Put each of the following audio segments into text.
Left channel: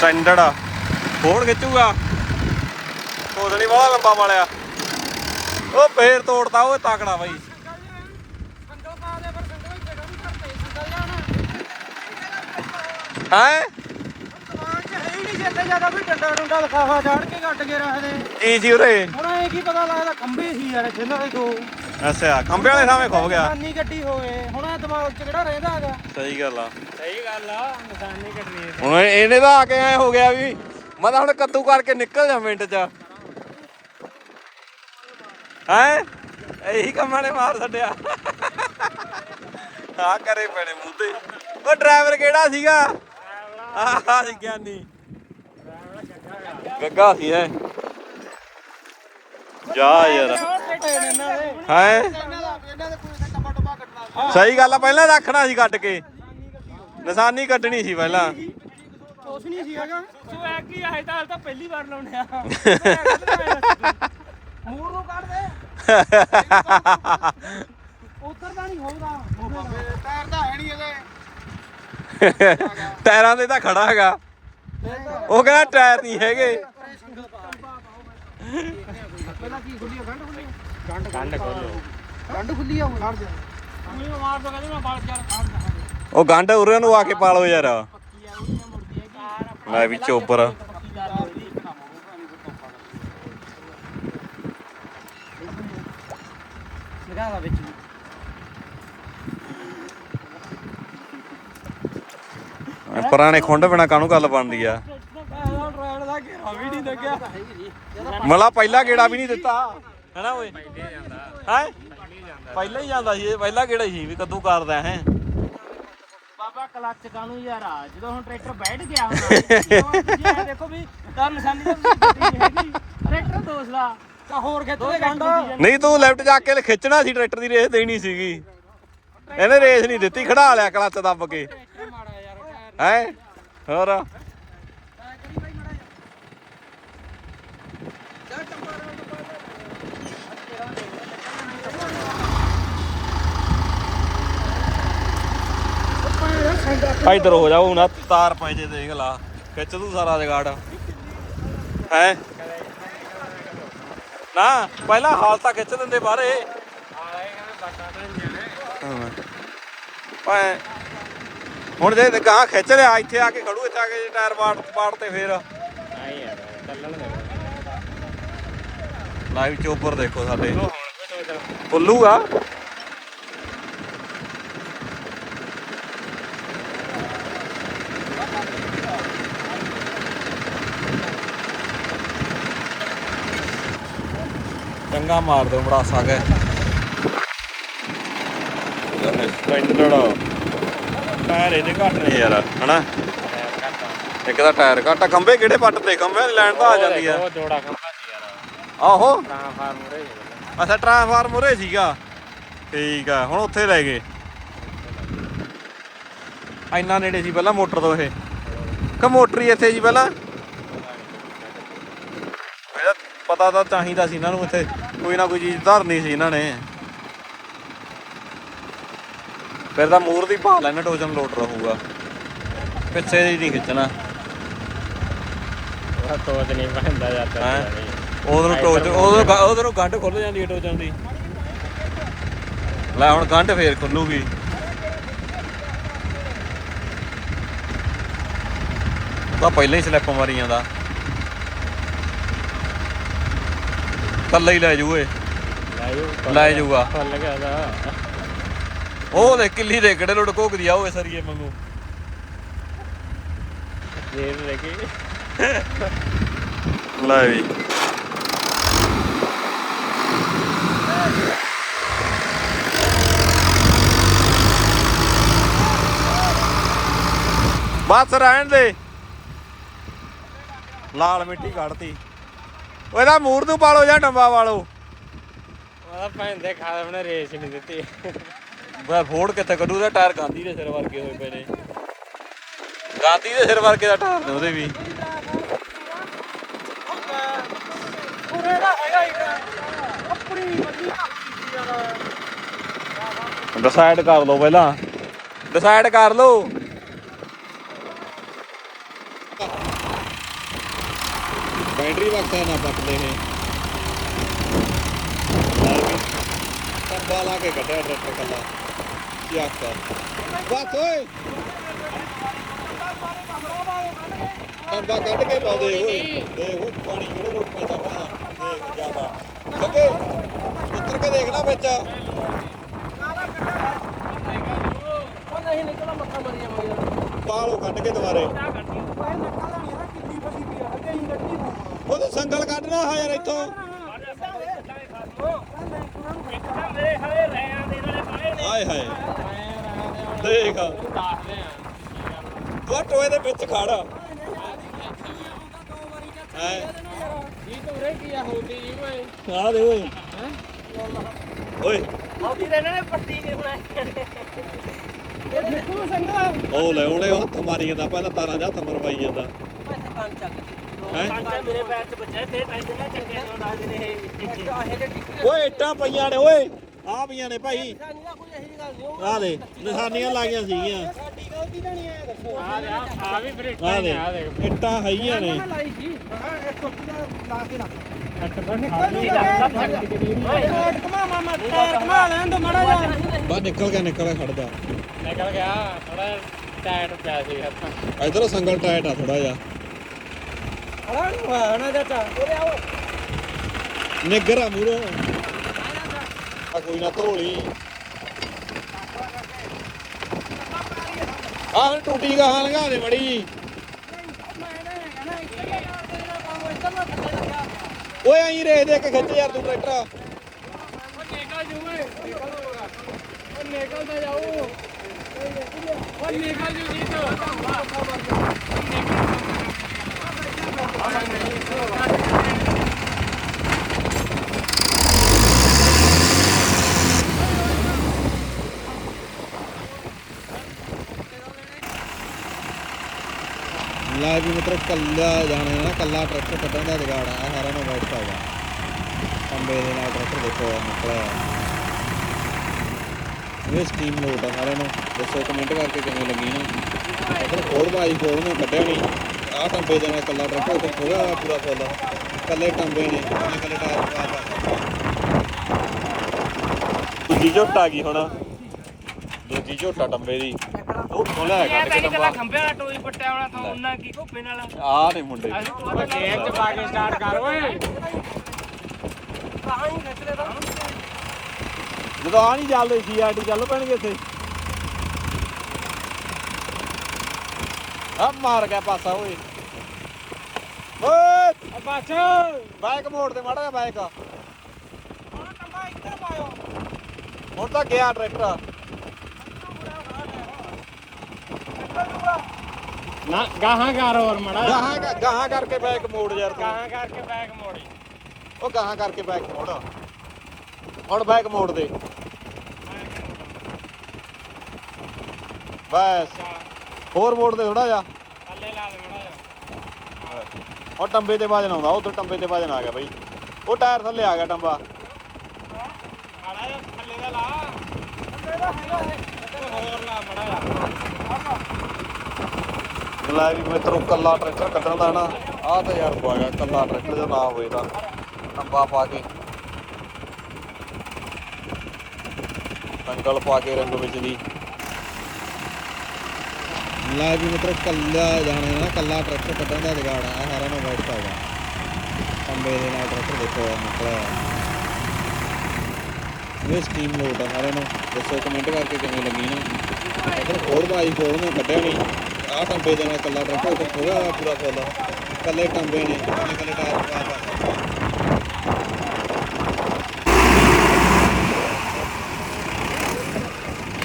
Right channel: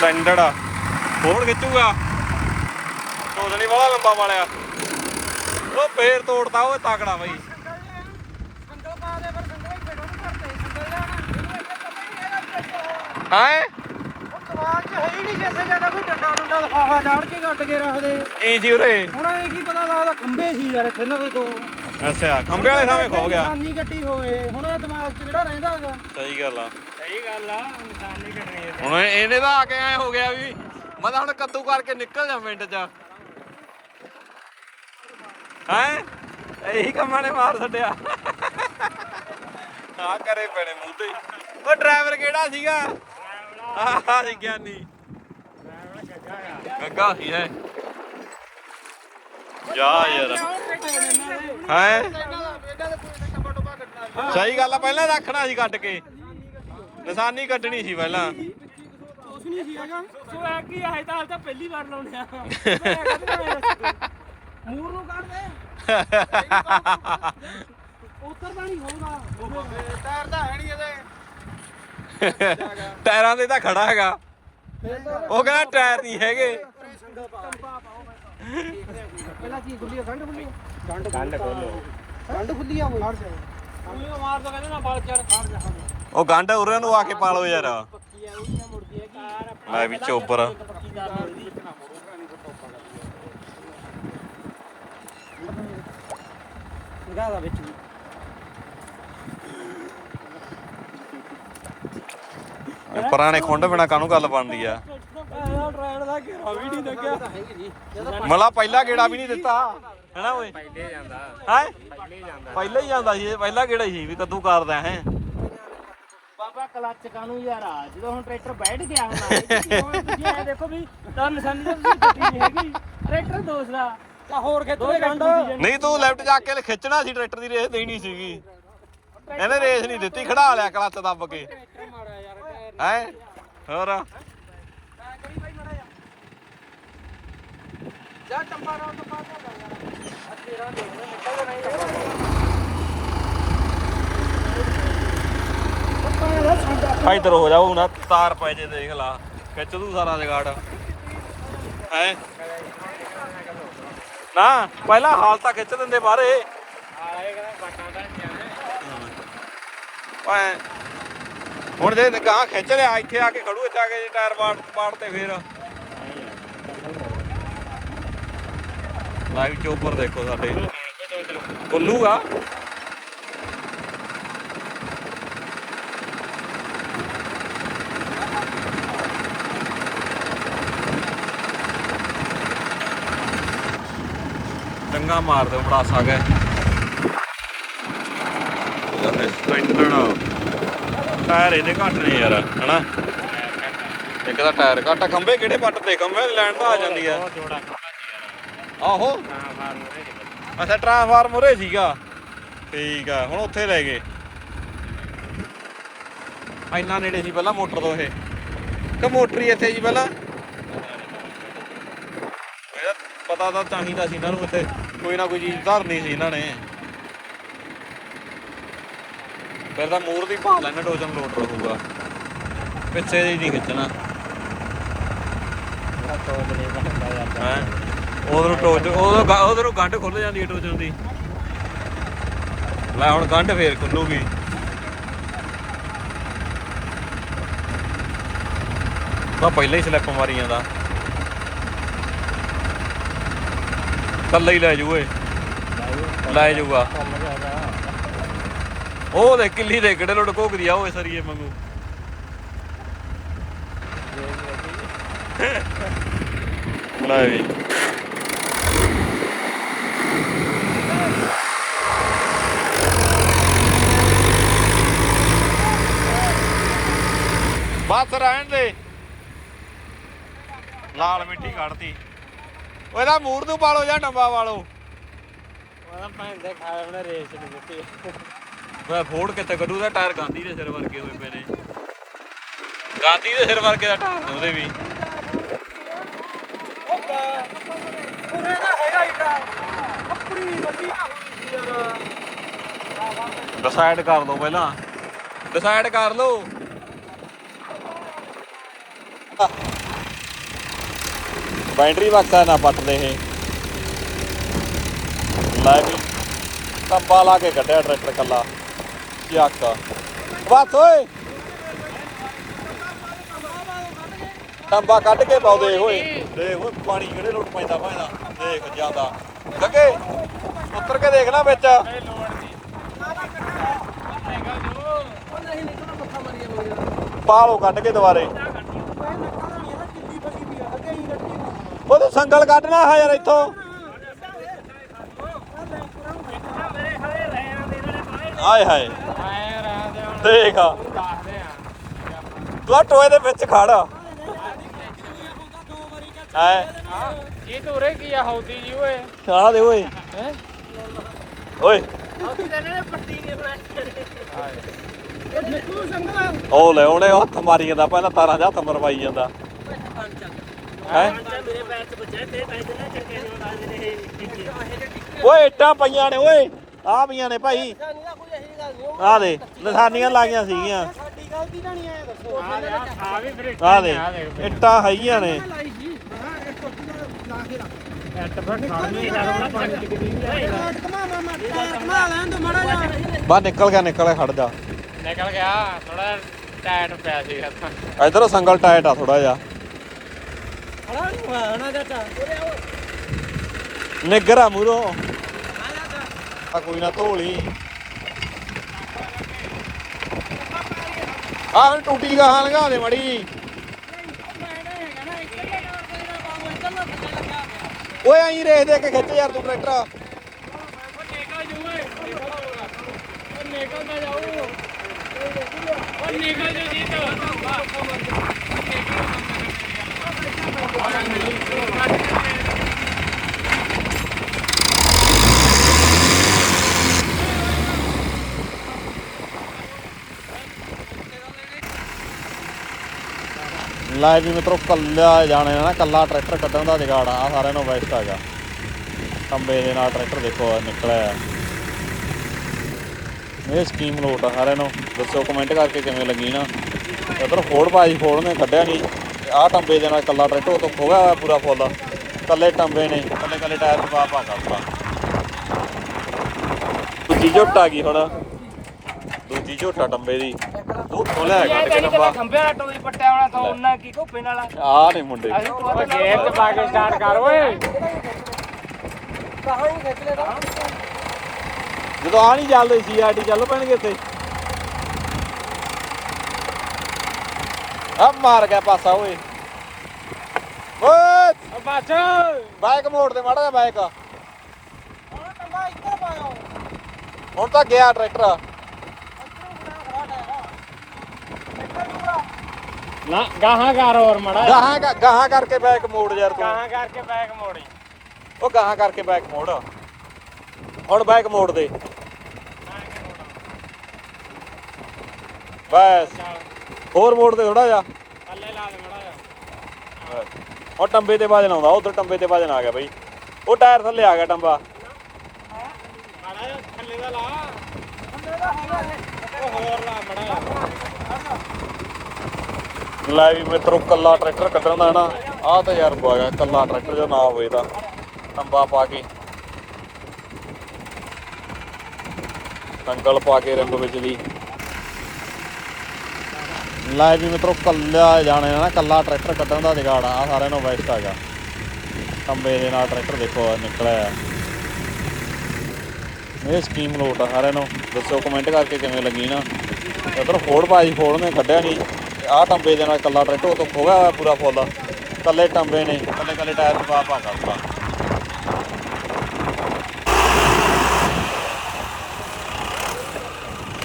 Standard ਆ। ਫੋੜ ਖਿੱਚੂਗਾ? ਤੋਦ ਨਹੀਂ ਵਾਲਾ ਲੰਬਾ ਵਾਲਿਆ। ਉਹ ਫੇਰ ਤੋੜਦਾ ਉਹ ਤਾਕੜਾ ਬਾਈ। ਹੀ? ਕੋਈ ਕੇ ਸੀ ਉਰੇ? ਹੁਣ ਇਹ ਕੀ ਪਤਾ ਲੱਗਦਾ ਖੰਬੇ ਸੀ ਯਾਰ ਇੱਥੇ ਨਾ ਕੋ ਅੱਛਾ ਖੰਬੇ ਵਾਲੇ ਸਾਹਮਣੇ ਖੋ ਗਿਆ। ਨਿਸ਼ਾਨੀ ਗੱਡੀ ਹੋਵੇ ਹੁਣ ਇਹ ਦਿਮਾਗ 'ਚ ਕਿਹੜਾ ਰਹਿੰਦਾ ਹੈਗਾ? ਸਹੀ ਗੱਲ ਆ। ਸਹੀ ਗੱਲ ਆ ਨਿਸ਼ਾਨੀ ਕੱਟਣੀ ਹੈ। ਹੁਣ ਇਹਨੇ ਤਾਂ ਆ ਕੇ ਐ ਹੋ ਗਿਆ ਵੀ ਮੈਂ ਤਾਂ ਹੁਣ ਕੱਦੂ ਕਰਕੇ ਨਿਕਲ ਜਾ ਮਿੰਟ ਚ। ਹੈ? ਇਹੀ ਕੰਮਾਂ ਨੇ ਮਾਰ ਛੱਡਿਆ। ਆ ਕਰੇ ਪੈਣੇ ਮੂੰਹ ਤੇ ਉਹ ਡਰਾਈਵਰ ਕਿਹੜਾ ਸੀਗਾ? ਆਹ ਸੀ ਗਿਆਨੀ। ਗੱਗਾ ਸੀ ਹੈ ਜਾ ਯਾਰ। ਹੈ? ਸਹੀ ਗੱਲ ਆ ਪਹਿਲਾਂ ਰੱਖਣਾ ਸੀ ਕੱਟ ਕੇ। ਨਿਸ਼ਾਨੀ ਕੱਢਣੀ ਸੀ ਪਹਿਲਾਂ। ਉਸ ਨਹੀਂ ਸੀ ਹੈਗਾ। ਸੋ ਆ ਕੀ ਆਏ ਤਾਂ ਤਾਂ ਪਹਿਲੀ ਵਾਰ ਲਾਉਣੇ ਆ। ਮੂਰ ਨੂੰ ਕੱਢ ਦੇ। ਉਤਰਦਾ ਨਹੀਂ ਹੋਊਗਾ। ਟਾਇਰ ਤਾਂ ਹੈ ਨਹੀਂ ਇਹਦੇ ਟਾਇਰਾਂ ਦੇ ਤਾਂ ਖੜਾ ਹੈਗਾ। ਉਹ ਕਹਿੰਦਾ ਟਾਇਰ ਨਹੀਂ ਹੈਗੇ। ਪਹਿਲਾਂ ਕੀ ਖੁੱਲੀ ਗੰਢ ਖੋਲੋ ਗੰਢ ਖੁੱਲੀ ਆ ਉਹ। ਗੰਢ ਉਰੇ ਨੂੰ ਆ ਕੇ ਪਾ ਲਓ ਯਾਰ ਲੈ ਵੀ ਚੋਬਰ। ਸਿਰਾ ਦਾ ਵਿੱਚ ਵੀ। ਪੁਰਾਣੇ ਖੁੰਡ ਬਿਨਾ ਕਾਹਨੂੰ ਗੱਲ ਬਣਦੀ ਆ? ਮਲਾ ਪਹਿਲਾ ਗੇੜਾ ਵੀ ਨਹੀਂ ਦਿੱਤਾ। ਹੈਨਾ ਓਏ? ਪਹਿਲੇ ਜਾਂਦਾ। ਹੈ? ਪਹਿਲੇ ਜਾਂਦਾ। ਪਹਿਲਾਂ ਹੀ ਜਾਂਦਾ ਸੀ ਇਹ ਪਹਿਲਾ ਹੀ ਸੀ ਵੀ ਕਦੋਂ ਕਰਦਾ ਹੈ? ਬਾਬਾ ਕਲੱਚ ਕਾਨੂੰ ਯਾਰ ਆ ਜਦੋਂ ਹੁਣ ਟਰੈਕਟਰ ਬੈਠ ਗਿਆ ਹੁੰਦਾ ਇਹ ਦੇਖੋ ਵੀ ਤਾਂ ਨਿਸ਼ਾਨੀ ਨਹੀਂ ਹੈਗੀ ਟਰੈਕਟਰ ਦੋਸਦਾ ਤਾਂ ਹੋਰ ਕਿੱਥੇ ਗੰਡਾ ਨਹੀਂ ਤੂੰ ਲੈਫਟ ਜਾ ਕੇ ਖਿੱਚਣਾ ਸੀ ਟਰੈਕਟਰ ਦੀ ਰੇਸ ਦੇਣੀ ਸੀਗੀ। ਇਹਨੇ ਰੇਸ ਨਹੀਂ ਦਿੱਤੀ ਖੜਾ ਲਿਆ ਕਲੱਚ ਦੱਬ ਕੇ। ਹੈ? ਹੋਰ? ਜਾ ਟੰਪਾ ਰਾਉਂ ਟੰਪਾ ਤੇਰਾ ਦੇਖ ਨਿਕਲ ਨਹੀਂ ਇਧਰ ਹੋ ਜਾਓ ਨਾ। ਤਾਰ ਪੈ ਜੇ ਦੇਖ ਲਾ। ਖਿੱਚ ਤੂੰ ਸਾਰਾ ਜਗਾੜ। ਹੈ? ਨਾ, ਪਹਿਲਾਂ ਹਾਲ ਤਾਂ ਖਿੱਚ ਦਿੰਦੇ ਬਾਹਰੇ। ਆਲੇ ਕਹਿੰਦਾ ਬਾਟਾ ਤਾਂ ਜਾਣਾ ਓਏ। ਹੁਣ ਜੇ ਗਾਂ ਖਿੱਚ ਲਿਆ, ਇੱਥੇ ਆ ਕੇ ਖੜੂ, ਇੱਥੇ ਆ ਕੇ ਟਾਇਰ ਪਾੜ ਪਾੜ ਤੇ ਫੇਰ। ਲਾਈਵ ਚੋਪਰ ਦੇਖੋ ਸਾਡੇ। ਉੱਲੂ ਆ। ਚੰਗਾ ਮਾਰ ਦਿਓ ਬੜਾਸਾ ਕੇ ਸਪਲੈਂਡਰ ਟਾਇਰ ਇਹਦੇ ਘੱਟ ਨੇ ਯਾਰ, ਹਨਾ? ਇੱਕ ਦਾ ਟਾਇਰ ਘੱਟ ਆ, ਖੰਭੇ ਕਿਹੜੇ ਪੱਟ ਤੇ? ਖੰਭੇ ਲੈਣ ਤਾਂ ਆ ਜਾਂਦੀ ਆ। ਆਹੋ। ਅੱਛਾ, ਟ੍ਰਾਂਸਫਾਰਮਰ ਉਰੇ ਸੀਗਾ। ਠੀਕ ਆ, ਹੁਣ ਉੱਥੇ ਲੈ ਗਏ। ਇੰਨਾ ਨੇੜੇ ਸੀ ਪਹਿਲਾਂ ਮੋਟਰ ਤੋਂ ਇਹ। ਕਿ ਮੋਟਰ ਹੀ ਇੱਥੇ ਸੀ ਪਹਿਲਾਂ। ਇਹਦਾ ਪਤਾ ਤਾਂ ਚਾਹੀਦਾ ਸੀ ਇਹਨਾਂ ਨੂੰ ਇੱਥੇ। ਕੋਈ ਨਾ ਕੋਈ ਚੀਜ਼ ਧਰਨੀ ਸੀ ਇਹਨਾਂ ਨੇ। ਫਿਰ ਤਾਂ ਮੂਰ ਦੀ ਪਾ ਲੈਣਾ ਟੋਜਨ ਲੋਡ ਰਹੂਗਾ। ਪਿੱਛੇ ਦੀ ਨਹੀਂ ਖਿੱਚਣਾ। ਤੋੜ ਨਹੀਂ ਬੰਦਾ ਜਾਂਦਾ ਉਧਰੋਂ ਟੋਜ ਉਧਰੋਂ ਉਧਰੋਂ ਗੰਢ ਖੁੱਲ ਜਾਂਦੀ ਹੈ ਟੋਜਨ ਦੀ। ਲੈ ਹੁਣ ਗੰਢ ਫੇਰ ਖੁੱਲੂਗੀ। ਤਾਂ ਪਹਿਲਾਂ ਹੀ ਸਲਿੱਪ ਮਾਰੀ ਜਾਂਦਾ। ਕੱਲਾ ਹੀ ਲੈ ਜੂ ਏ ਲੈ ਜੂਗਾ। ਉਹ ਦੇ ਕਿੱਲੀ ਦੇ ਕਿਹੜੇ ਲੋਟ ਘੋਕਦੀ ਆ ਓਏ ਸਰੀਏ ਮੰਗੂ ਲੈ ਵੀ। ਬਸ ਰਹਿਣ ਦੇ। ਲਾਲ ਮਿੱਟੀ ਕੱਢਤੀ। ਉਹ ਇਹਦਾ ਮੂਰ ਨੂੰ ਪਾਲੋ ਜਾਂ ਡੰਬਾ ਵਾਲੋ? ਉਹ ਭੈਣ ਦੇ ਖਾਲੇ ਉਹਨੇ ਰੇਸ ਨਹੀਂ ਦਿੱਤੀ। ਬਾ ਫੋੜ ਕਿੱਥੇ ਕੱਢੂ? ਦਾ ਟਾਇਰ ਗਾਂਧੀ ਦੇ ਸਿਰ ਵਰਗੇ ਹੋਏ ਪਏ ਨੇ। ਗਾਂਧੀ ਦੇ ਸਿਰ ਵਰਗੇ ਦਾ ਟਾਇਰ ਨੇ ਉਹਦੇ ਵੀ। ਡਿਸਾਈਡ ਕਰ ਲਓ ਪਹਿਲਾਂ। ਡਿਸਾਈਡ ਕਰ ਲਓ। ਬੈਟਰੀ ਬਕਸਾ ਨਾ ਪੱਟਦੇ ਇਹ। ਲੈ ਵੀ ਟੱਬਾ ਲਾ ਕੇ ਕੱਢਿਆ ਟਰੈਕਟਰ ਕੱਲਾ ਯਾਕ। ਬਸ ਓਏ। ਟੱਬਾ ਕੱਢ ਕੇ ਪਾਉਂਦੇ ਓਏ। ਦੇਖ ਓਏ ਪਾਣੀ ਕਿਹੜੇ ਲੋਟ ਪੈਂਦਾ ਭਾਣਾ ਦੇਖ ਜਾਂਦਾ। ਲੱਗੇ ਉੱਤਰ ਕੇ ਦੇਖ ਨਾ ਵਿੱਚ। ਪਾਲੋ ਕੱਢ ਕੇ ਦੁਬਾਰੇ। ਫਸੀ ਪਈ ਆ ਕਿ ਹੀ ਕੱਢਣੀ ਪਊ ਉਹ ਤੇ ਸੰਗਲ ਕੱਢਣਾ ਹੈ ਯਾਰ ਇੱਥੋਂ। ਹਾਏ ਹਾਏ। ਦੇਖ ਤੂੰ ਆਹ ਟੋਏ ਦੇ ਵਿੱਚ ਖੜ। ਐ ਇਹ ਤਾਂ ਉਰੇ ਕੀ ਆ ਹੌਦੀ ਜੀ ਓਏ ਆ ਦੇ ਓਏ। ਹੈ ਓਏ। ਹੌਦੀ ਦੇ ਨੇ ਪੱਟੀ ਕੇ ਬਣਾਈ ਉਹ ਲੈ ਉਹਨੇ ਹੱਥ ਮਾਰੀ ਜਾਂਦਾ ਪਹਿਲਾਂ ਤਾਰਾਂ ਦੇ ਹੱਥ ਮਰਵਾਈ ਜਾਂਦਾ। ਹੈ? ਮੇਰੇ ਪੈਰ ਚ ਬੱਚੇ ਤੇ ਤਾਂ ਇਹਦੇ ਚੰਗੇ ਨਹੀਂ ਲੱਗਦੇ ਨੇ ਇਹ ਓਏ ਇੱਟਾਂ ਪਈਆਂ ਨੇ ਓਏ। ਆ ਪਈਆਂ ਨੇ ਭਾਈ। ਆ ਦੇ ਨਿਸ਼ਾਨੀਆਂ ਲਾਈਆਂ ਸੀਗੀਆਂ। ਆ ਵੀ ਫਿਰ ਆ ਦੇ ਇੱਟਾਂ ਹੈਗੀਆਂ ਨੇ। ਬਾ ਨਿਕਲ ਗਿਆ ਨਿਕਲ ਗਿਆ ਖੜ ਜਾ। ਨਿਕਲ ਗਿਆ ਥੋੜਾ ਟਾਇਰ ਪਿਆ ਸੀ ਇਧਰੋਂ ਸੰਗਲ ਟਾਈਟ ਆ ਥੋੜਾ ਜਿਹਾ। ਹਣਾ ਨਹੀਂ ਹੋਇਆ ਹਣਾ ਚਾਚਾ ਉਰੇ ਆਓ ਨਿੱਗਰ ਆ ਕੋਈ ਨਾ ਧੋਲੀ। ਆ ਹੁਣ ਟੂਟੀ ਗਾਹਾਂ ਲੰਘਾ ਦੇ ਮੜੀ। ਓਏ ਐਂ ਰੇਖ ਦੇ ਕੇ ਖਿੱਚ ਯਾਰ ਤੂੰ ਟਰੈਕਟਰ। ਨਿਕਲਦਾ ਜਾਊ ਉਹ ਨਿਕਲ ਜੂ ਜੀ ਲੈ ਵੀ ਮਿੱਤਰੋ, ਕੱਲਾ ਜਾਣੇ ਨਾ, ਕੱਲਾ ਟਰੈਕਟਰ ਕੱਢਣ ਦਾ ਜਗਾੜ ਆ। ਸਾਰਿਆਂ ਨੂੰ ਬੈਸਟ ਹੈਗਾ ਕੰਬੇ ਦੇ ਨਾਲ ਟਰੈਕਟਰ ਦੇਖੋ ਨਿਕਲਿਆ ਇਹ ਸਕੀਮ ਲੋਟ ਆ ਸਾਰਿਆਂ ਨੂੰ। ਦੱਸੋ ਕਮੈਂਟ ਕਰਕੇ ਕਿਵੇਂ ਲੱਗੀ ਨਾ। ਇਧਰ ਫੋੜ ਬਾਜੀ ਫੋੜ ਨੇ ਕੱਢਿਆ ਨਹੀਂ ਆਹ ਟੰਬੇ ਦੇ ਨਾਲ ਕੱਲਾ ਟਰੈਕਟਰ ਤੋਂ ਖੋਗਾ ਪੂਰਾ ਫੁੱਲ। ਕੱਲੇ ਟੰਬੇ ਨੇ ਕੱਲੇ ਕੱਲੇ ਟਾਇਰ ਪਾ ਪਾ ਕਰਤਾ ਦੂਜੀ ਝੋਟ ਆ ਗਈ ਹੁਣ। ਦੂਜੀ ਝੋਟਾ ਟੰਬੇ ਦੀ। ਉਹ ਖੋਲਿਆ ਇਹ ਤਾਂ ਨਹੀਂ ਖੰਬੇ ਵਾਲਾ ਟੋਈ ਪੱਟਿਆ ਵਾਲਾ ਤਾਂ ਉਹਨਾਂ ਕੀ ਘੋਪੇ ਨਾਲ ਆਹ ਨੇ ਮੁੰਡੇ। ਅਸੀਂ ਤੋਂ ਗੇਰ ਚ ਪਾ ਕੇ ਸਟਾਰਟ ਕਰ ਓਏ। ਕਹਾਂ ਹੀ ਖਿੱਚ ਲੈਦਾ ਜਦੋਂ ਆ ਨਹੀਂ ਚੱਲਦੇ ਸੀ ਆਰਟੀ ਚੱਲ ਪੈਣਗੇ ਇੱਥੇ। ਆ ਮਾਰ ਗਿਆ ਪਾਸਾ ਓਏ। ਓਏ! ਬਸ ਬਾਈਕ ਮੋੜ ਦੇ ਮਾੜਾ ਬਾਈਕ। ਉਹ ਟੰਗਾ ਇੱਧਰ ਪਾਇਓ ਹੁਣ ਤਾਂ ਗਿਆ ਟਰੈਕਟਰ। ਨਾ ਗਾਹਾਂ ਕਰ ਹੋਰ ਮੜਾ ਗਾਹਾਂ ਗਾਹਾਂ ਕਰਕੇ ਬਾਈਕ ਮੋੜ ਯਾਰ ਤੂੰ। ਗਾਹਾਂ ਕਰਕੇ ਬੈਕ ਮੋੜੀ। ਉਹ ਗਾਹਾਂ ਕਰਕੇ ਬਾਈਕ ਮੋੜ। ਹੁਣ ਬਾਈਕ ਮੋੜ ਦੇ। ਬਸ। ਹੋਰ ਮੋੜ ਤੇ ਥੋੜਾ ਜਾ। ਥੱਲੇ ਲਾ ਦੇਣਾ ਉਹ ਟੰਬੇ ਤੇ ਵਜਨ ਆਉਂਦਾ, ਉਧਰ ਟੰਬੇ ਤੇ ਵਜਨ ਆ ਗਿਆ ਬਈ। ਉਹ ਟਾਇਰ ਥੱਲੇ ਆ ਗਿਆ ਟੰਬਾ। ਥੱਲੇ ਦਾ ਲਾ ਹੋਰ ਲਾ ਲੈ ਵੀ ਮਿੱਤਰੋ, ਕੱਲਾ ਟਰੈਕਟਰ ਕੱਢਣ ਦਾ ਨਾ। ਆਹ ਤਾਂ ਯਾਰ ਬਾਇਆ ਕੱਲਾ ਟਰੈਕਟਰ ਦਾ ਨਾ ਹੋਵੇ ਤਾਂ। ਟੰਬਾ ਪਾ ਕੇ। ਟੰਗਲ ਪਾ ਕੇ ਰੰਗ ਵਿੱਚ ਦੀ। ਲੈ ਵੀ ਮਿੱਤਰੋ ਕੱਲਾ ਜਾਣੇ ਨਾ, ਕੱਲਾ ਟਰੈਕਟਰ ਕੱਢਣ ਦਾ ਜਗਾੜ ਆ ਸਾਰਿਆਂ ਨੂੰ ਬੈਸਟ ਹੈਗਾ ਟੰਬੇ ਦੇ ਨਾਲ ਟਰੈਕਟਰ ਦੇਖੋ ਨਿਕਲਿਆ। ਇਹ ਸਕੀਮ ਲੋਟ ਆ ਸਾਰਿਆਂ ਨੂੰ। ਦੱਸੋ ਕਮੈਂਟ ਕਰਕੇ ਕਿਵੇਂ ਲੱਗੀ ਨਾ। ਇਧਰ ਫੋੜ ਬਾਜੀ ਫੋੜ ਨੇ ਕੱਢਿਆ ਨਹੀਂ ਆਹ ਟੰਬੇ ਦੇ ਨਾਲ ਕੱਲਾ ਟਰੈਕਟਰ ਤੋਂ ਖੋਗਾ ਹੋਇਆ ਪੂਰਾ ਫੁੱਲ। ਕੱਲੇ ਟੰਬੇ ਨੇ, ਕੱਲੇ ਕੱਲੇ ਟਾਇਰ ਪਾ ਪਾ ਕਰਤਾ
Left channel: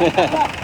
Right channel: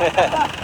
ਉਹਦੇ ਨਾਲ